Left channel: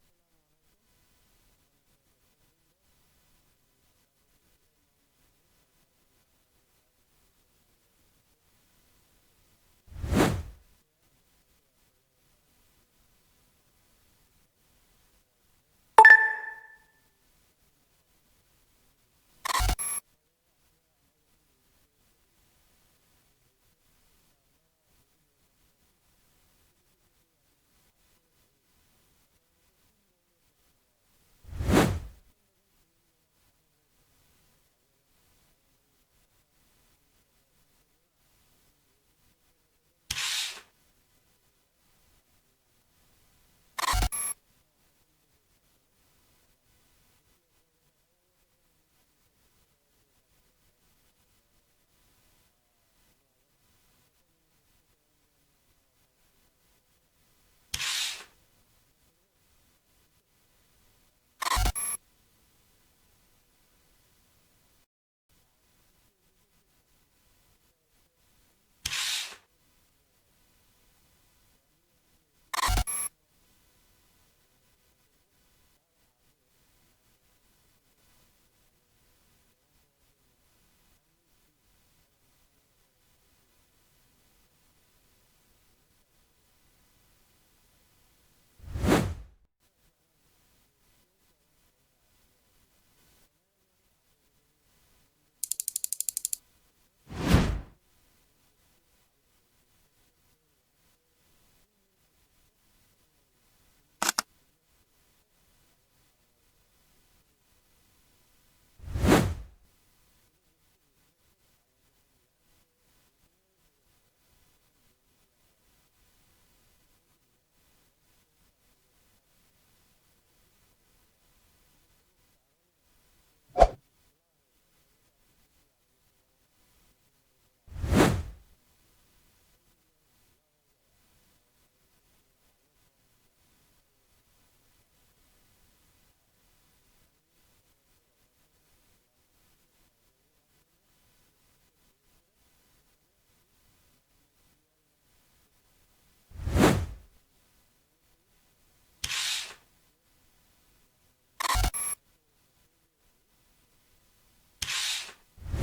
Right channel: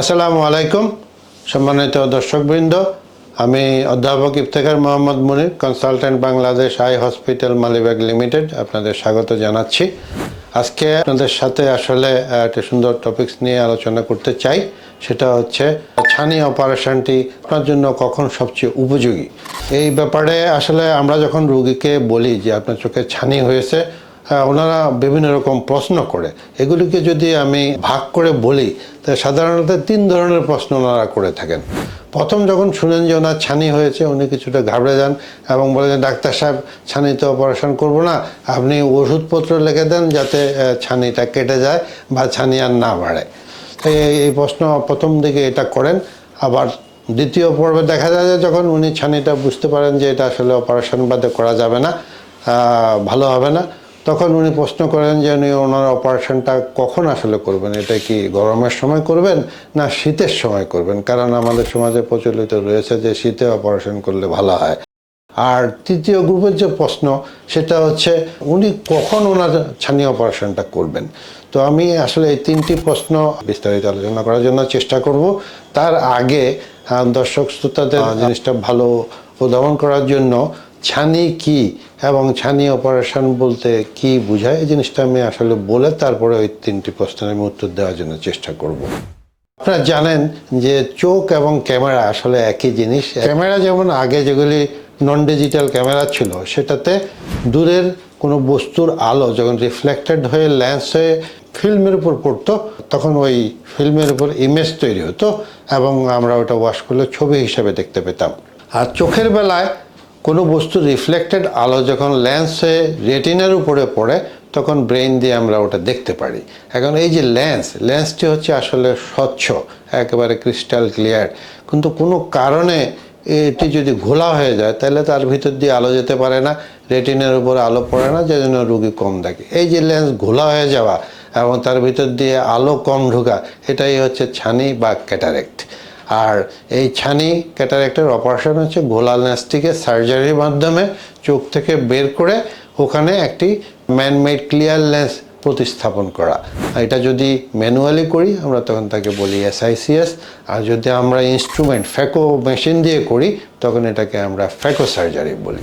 আসসালামু আলাইকুম সম্মানিত দর্শকবৃন্দ। আমি অধ্যাপক Iftekhar Mohammad Munir consultant Bangladesh eye hospital Malibagh limited আপনাদের স্বাগত জানাচ্ছি। আজকে আপনাদের সাথে আসলে একটা সুন্দর টপিকস নিয়ে আলোচনা করতে চাই। সেটা হচ্ছে ছানি অপারেশনটি আপনার জন্য কখন সবচেয়ে উপযোগী? এই ব্যাপারে আসলে আমরা যখন রুগীকে বলি যে আপনার চোখে ছানি হয়েছে হ্যাঁ, ওনারা বিভিন্ন রকম প্রশ্ন করে। এগুলিকে যদি আমি ভাগ করে বলি, তা সাধারণত তিন ধরনের প্রশ্ন ওনারা করে থাকেন। প্রথম যখন শুনেন যে ওনার ছানি হয়েছে, উনি কিছুটা ঘাবড়ে যান এবং বলে যে, ডাক্তার সাহেব, ছানিতে অপারেশন করব না। আপনি ওষুধপত্র লিখে দেন যাতে ছানিটা কেটে যায় বা ছানি আর না বাড়ে। এই প্রশ্ন প্রথম দিকে এটা করেন। আবার দ্বিতীয় পর্বে দেখা যায় যে, যখন উনি ছানিটা বুঝতে পারেন যে, এটা আসলে অপারেশন বাদে করা যাবে না ভালো হবে না তখন উনি প্রশ্ন করেন যে, উনি ওনার অপারেশনটা কখন আসলে করবেন? এটা কি গরমের সময় করবেন না শীতের সময় করবেন? কারণ আমাদের সমাজে প্রচলিত রয়েছে যে, শীতে অপারেশন করলে ভালো হয়। আর তৃতীয় গ্রুপের যে প্রশ্ন, সেটা হচ্ছে, উনি কখন ওনার ছানি অপারেশনটা করবেন? তো আমি আসলে এই তিনটি প্রশ্ন বিস্তারিত আলোচনা করার জন্য চেষ্টা করব। তার আগে দর্শক শ্রোতাদের জিনিসটা ভালো উদ্ভাবন করার জন্য ছানি কি এবং ছানি অপারেশন বলতে কি বোঝায়? এই জিনিসটা আমি আসলে বলে তারপরে ওই তিনটি প্রশ্নের আমি উত্তর দেওয়ার জন্য চেষ্টা করব। আপনারা জানেন যে চোখ এবং ক্যামেরা আসলে একই জিনিস। ক্যামেরা যেমন আগে যেগুলি নন ডিজিটাল ক্যামেরা ছিল, সেটাতে দূরের কোনো বস্তুর আলো যখন রিফ্লেক্টেড হয়ে ল্যান্স হয়ে ফিল্মের উপর পড়তো, তখন ওই ফিল্মের উপর ইমেজ তৈরি হতো এবং আমরা ওটা ওয়াশ করলে ছবি হিসাবে দেখতে পেতাম। আর চোখের বেলায় কোনো বস্তু রিফ্লেক্টেড আলো যখন ল্যান্স হয়ে রেটিনার উপরে পড়ে, তখন ব্রেন দিয়ে আমরা ওটা দেখতে পারি। এখন এই যে লেন্স লেন্সটি হচ্ছে আসলে স্বচ্ছ, একেবারে ক্রিস্টাল ক্লিয়ার কিন্তু কোনো কারণে এটি যদি ঘোলা হয়ে যায়, তাহলে তার ভিতর দিয়ে আলো যেতে পারে না রেটিনার উপরে আলো পড়ে না যে জন্য রুগী কম দেখে। এই যে লেন্স ঘোলা হয়ে যাওয়া এবং তার ভিতর দিয়ে আলো কম ঢোকা, এটাই হচ্ছে ছানি বা ক্যাটারেক্ট আর এই ছানি ক্যাটারেক্টের অপারেশন হচ্ছে গোলাল ন্যাস্টিকে সার্জারির মাধ্যমে চোখ থেকে বের করে ওখানে একটি ম্যানমেড ক্লিয়ার লেন্স প্রতিস্থাপন করা। এটা যদি ম্যানুয়ালি করি, আমরা তখন তাকে বলি এসআইসিএস আর যদি আমরা ইনস্ট্রুমেন্ট ফ্যাকো মেশিন দিয়ে করি, তখন এটাকে আমরা ফ্যাকো সার্জারি বলি।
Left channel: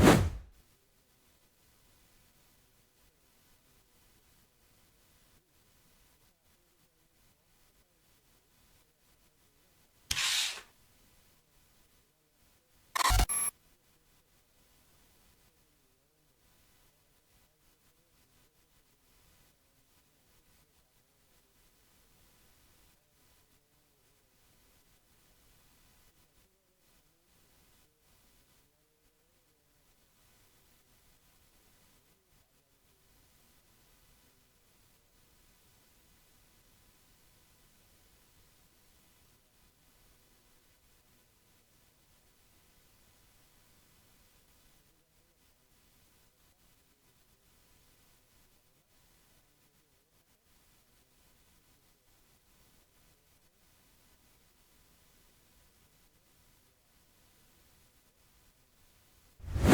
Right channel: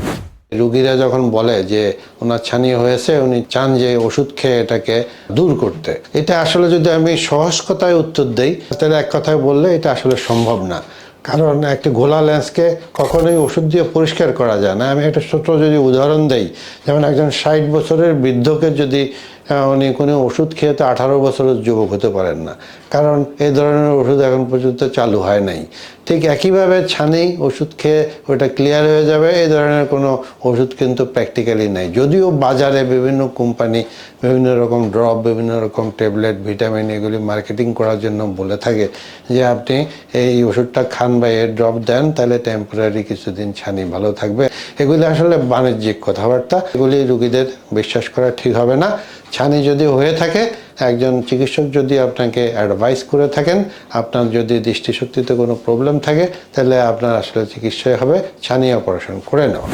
রুগীরা যখন বলে যে ওনার ছানি হয়েছে, উনি চান যে ওষুধ খেয়ে এটাকে দূর করতে। এটা আসলে যদি আমি সহজ কথায় উত্তর দেই, তাহলে এক কথায় বললে এটা আসলে সম্ভব না। কারণ একটি ঘোলা লেন্সকে কখনোই ওষুধ দিয়ে পরিষ্কার করা যায় না। আমি একটা ছোট যদি উদাহরণ দেই, যেমন একজন ষাট বছরের বৃদ্ধকে যদি উনি কোনো ওষুধ খেয়ে তো আঠারো বছরের যুবক হতে পারেন না। কারণ এই ধরনের ওষুধ এখন পর্যন্ত চালু হয় নাই। ঠিক একইভাবে ছানি ওষুধ খেয়ে ওটা ক্লিয়ার হয়ে যাবে, এই ধরনের কোনো ওষুধ কিন্তু প্র্যাকটিক্যালি নেই। যদিও বাজারে বিভিন্ন কোম্পানি, বিভিন্ন রকম ড্রপ বিভিন্ন রকম ট্যাবলেট ভিটামিন এগুলি মার্কেটিং করার জন্য বলে থাকে যে আপনি এই ওষুধটা খান বা এর ড্রপ দেন, তাহলে টেম্পোরারি কিছুদিন ছানি ভালো থাকবে। এগুলি আসলে বাণিজ্যিক কথাবার্তা। এগুলি রুগীদের বিশ্বাস করা ঠিক হবে না। ছানি যদি হয়ে থাকে একজন চিকিৎসক যদি আপনাকে অ্যাডভাইস করে থাকেন, আপনার যদি দৃষ্টিশক্তিতে কোনো প্রবলেম থাকে, তাহলে আপনার আসলে চিকিৎসায় হবে, ছানি অপারেশন করে নেওয়া।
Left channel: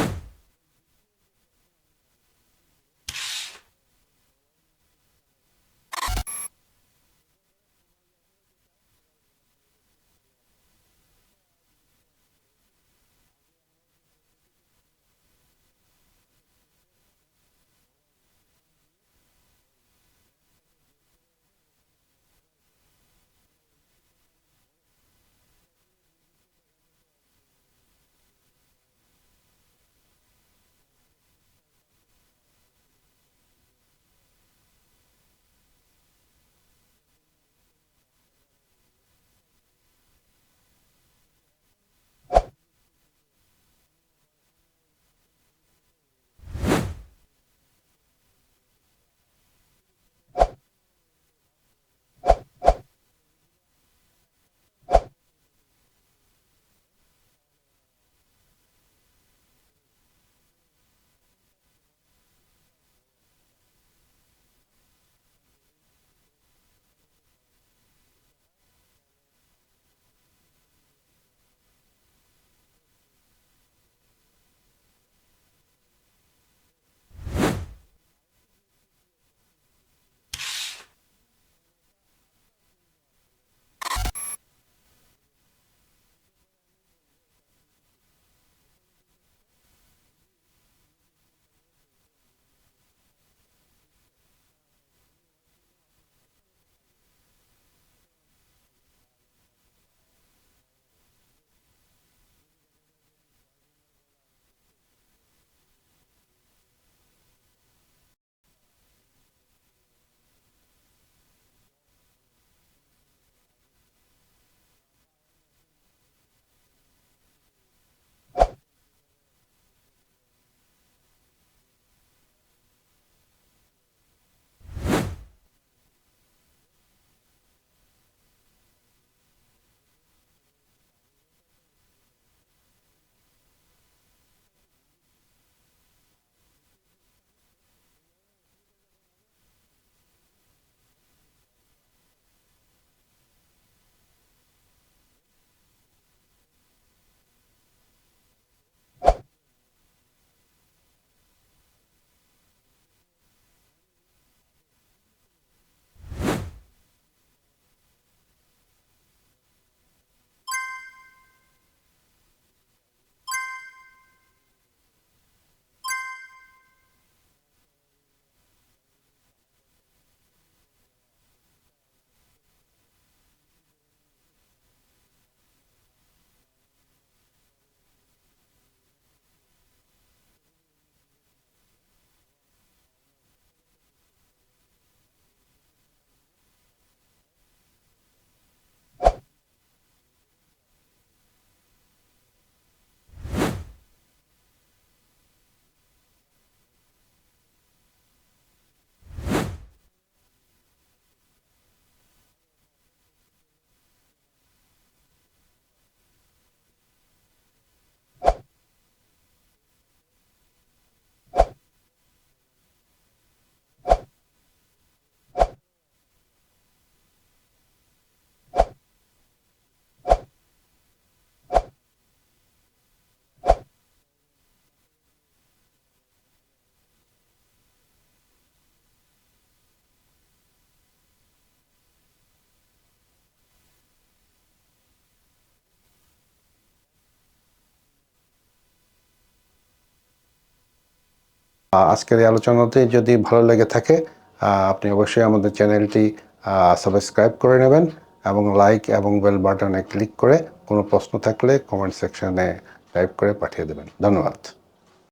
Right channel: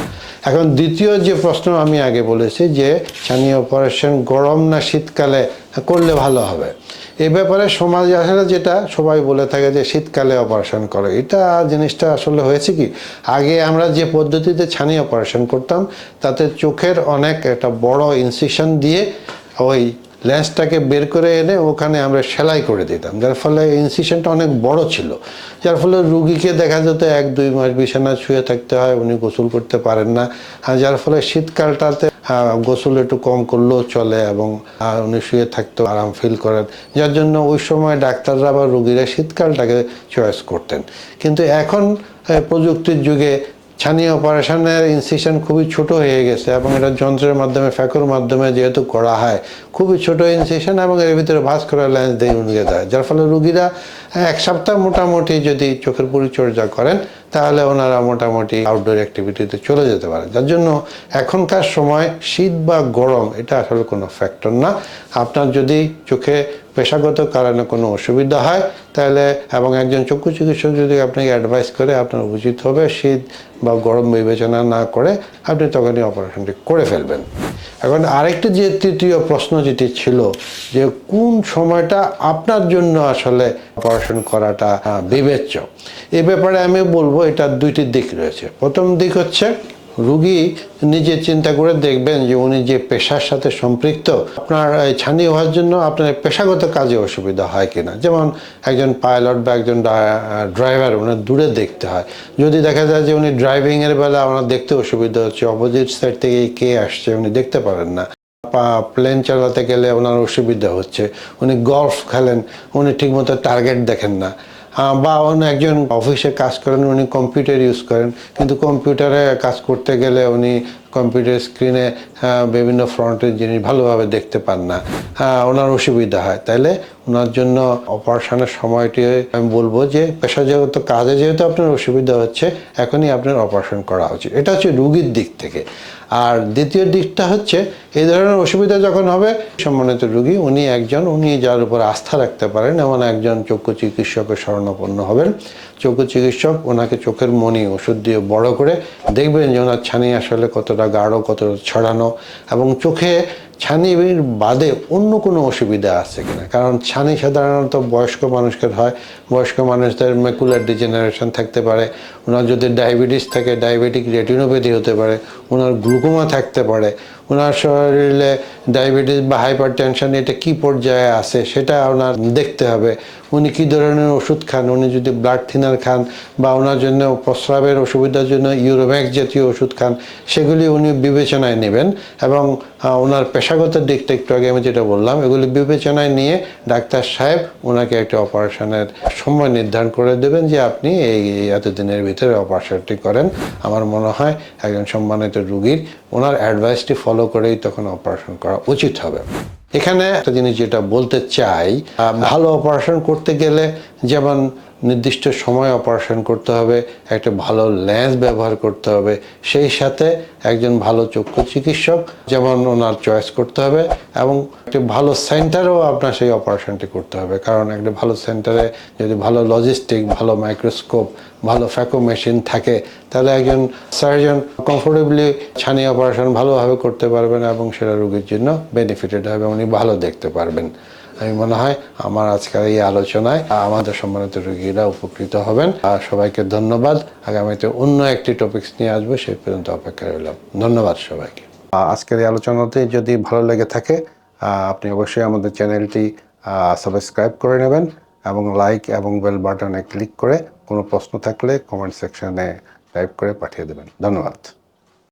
এখন দ্বিতীয় যে প্রশ্ন আমি আগে বলেছি যে, ছানি অপারেশন গরম না শীতকালে করলে ভালো হবে? এ ব্যাপারে সমাজ আসলে যেটা সবাই বলে থাকে যে, শীতকালে অপারেশন করে। এটা জিনিসটা আসলে হয়েছে কি? আগে আমরা যে পদ্ধতিতে ছানি অপারেশন করতাম, তাতে চোখের অনেক একটা বড় ইনসিশন দিয়ে ওই লেন্সটাকে বের করে এনে ওখানে আমরা সেলাই করে দিতাম, যার ফলে ইনসিশনটা অনেক বড় ছিল। যার ফলে রুগীকে দেখা যেত এক, দুই মাস বিছানা শুয়ে থাকতে হয়, উনি গোসল করতে পারেন না। যার ফলে শীতকালটাতে গোসল একটু কম করলেও চলে এবং উনি শুয়ে থাকতেও আরাম ফিল করেন। যার জন্য ওই সময় ডাক্তাররা বা রুগীরা শীতকালটাকে চয়েস করতেন। কিন্তু এখন প্রযুক্তির যুগে ছানি অপারেশনের ইনসিশন খুবই ছোট হয়ে গেছে এবং এটা যন্ত্রের মাধ্যমে ফ্যাকোর মাধ্যমে যেহেতু করা হয়, খুবই ছোট ইনসিশন এবং এর ভিতরে ভাস করা লেন্স দিয়ে উনিয়ে দেয়। যার ফলে রুগীরা এক সপ্তাহ মোটামুটি যদি চোখের পরিচর্যা করেন, তাহলে ওনারা মোটামুটি আউটডোর অ্যাক্টিভিটিতে চলে যেতে পারে। যার জন্য এখনকার সময় শীত বা গরম, এটা আসলে কোনো ফ্যাক্টর না। আপনার যদি চোখে পেশাগত কারণে কোনো অসুবিধা হয়, তাহলে এবং একজন চক্ষু চিকিৎসক যদি আপনাকে অ্যাডভাইস করে, আপনার উচিত হবে শীত বা গরম বিবেচনা না করে আপনি তখনই অপারেশনটি করে ফেলবেন। এখন আরেকটি যে তৃতীয় প্রশ্ন যেটি ছিল যে কোন সময়টা আপনার জন্য আসলে অপারেশন করাটা বিবেচ্য? এ ব্যাপারে আমি বলব এটার দুইটি দিক রয়েছে। প্রথম দিক হচ্ছে রুগী নিজে চিন্তা করে দেখবেন যে উনি যে পেশার সাথে সম্পৃক্ত, আপনার ছানি হওয়ার জন্য আপনার পেশাগত কাজে অসুবিধা হয় কিনা? যেমন একজন পাইলট বা একজন ড্রাইভার ওনার দূরে দেখতে হয়। যদি দেখা যায় যে উনি ড্রাইভিংয়ের বেলা ওনার দেখতে অসুবিধা হচ্ছে, অপোজিট সাইড থেকে কে আসছে উনি দেখতে পারেন না। প্লেন চালাতে গেলে ওনার অসুবিধা হচ্ছে, উনি গলফ খেলেন, উনি ঠিকমতো টার্গেট দেখেন না। বা অন্য একজন অফিসে কাজ করেন, উনি কম্পিউটার ইউজ করেন। কিন্তু কম্পিউটারে কাজ করতে গেলে উনি কম্পিউটার স্ক্রিনে বিভিন্ন ফ্রন্টের জিনিস ভালোভাবে দেখতে পান না। ওনার অসুবিধা হয়। তাইলে ওনার জন্য অপারেশনের সময়টি আমি বলব যে, পেশাজগত কাজে যেহেতু আপনার অসুবিধা হচ্ছে, এখনই আপনার অপারেশন করা উচিত। এটা হচ্ছে রুগীর দিক থেকে। আর দ্বিতীয় দিকটা হচ্ছে, এই ধরনের অসুবিধা যখন হবে, সম্মানিত রুগী, উনি একজন, উনি যার উপর আস্থা রাখতে পারেন, এমন একজন চক্ষু চিকিৎসকের শরণাপন্ন হবেন। চক্ষু চিকিৎসক ওনাকে চোখের মনি, ওষুধ দিয়ে বড় করে দেখবেন যে ওনার ছানি আসলে কতটা গাঢ়, কতটা ছড়ানো এবং চোখে ছানির বাদে অন্য কোনো অসুবিধা আছে কিনা? কারণ ছানি সাধারণত বয়স্ক মানুষকে হয়, বয়স্ক মানুষদের মেকুলার ডিজেনারেশন থাকতে পারে, ওনার যদি ডায়াবেটিস থাকে ডায়াবেটিক রেটিনোপ্যাথি হতে পারে, ওনার গ্লুকোমা থাকতে পারে, ওনার শরীরে ডায়াবেটিস বা হাইপার টেনশন এটা কী পর্যায়ে আছে, সেটা ওনার দেখতে হবে। উনি কী ধরনের ওষুধ খান? উনি যদি ব্লাড থিনার খান বা ওনার জন্য প্রস্রাবের অসুবিধার জন্য ইউরোম্যাক্স জাতীয় ওষুধ খান, সেগুলি উনি বিবেচনায় নেবেন এবং ওনার পেশাগত দিকটা একটু আগে আমি যেটা বললাম, এগুলি বিবেচনায় নিয়ে ডাক্তার সাহেব ওনাকে একটা অপারেশনের সময় নির্ধারণ করে দেবেন যে আপনি এই এতদিনের ভিতরে অপারেশনটি করেন। আমার মনে হয় একজন সম্মানিত রুগীর ওনার অ্যাডভাইসটি ফলো করেই তখন অপারেশন করা উচিত হবে। এখানে একটা জিনিস যেটা বলতে চাই ভালো অপারেশন করতে গেলে যেমন নির্দিষ্ট সময় অপারেশন করতে হবে, একটা ভালো ল্যান্স ব্যবহার করতে হবে, সেই সাথে একজন ভালো চক্ষু চিকিৎসক যেমন ওনার চয়েস করতে হবে এবং একটি ভালো সেন্টারেও আপনার সেই অপারেশনটি করতে হবে। কারণ একটা ভালো সেন্টারে যদি ভালো লজিস্টিক ভালো মাইক্রোস্কোপ ভালো ফ্যাকো মেশিন থাকে, তাহলে একজন সার্জন কমফোর্টেবলি ছানি অপারেশন ভালোভাবে করতে পারবেন এবং সেটা রোগীর জন্য বেনিফিটেড হবে, উনি ভালো দেখতে পারবেন। আমি মনে হয় আমার আজকের এই আলোচনায় আমাদের সম্মানিত রোগীরা উপকৃত হবেন। আর সবাইকে ধন্যবাদ। আগামীতে অন্য একটি টপিকস নিয়ে আসব সেই পর্যন্ত অপেক্ষা রইলাম। ধন্যবাদ সবাইকে। আজকের এই আলোচনাতে যদি ভালো লেগে থাকে আপনি অবশ্যই আমাদের চ্যানেলটি সাবস্ক্রাইব করে নেবেন এবং লাইক এবং বেল বাটনে ক্লিক করে কোনো প্রশ্ন থাকলে কমেন্ট সেকশনে টাইপ করে পাঠিয়ে দেবেন। ধন্যবাদ।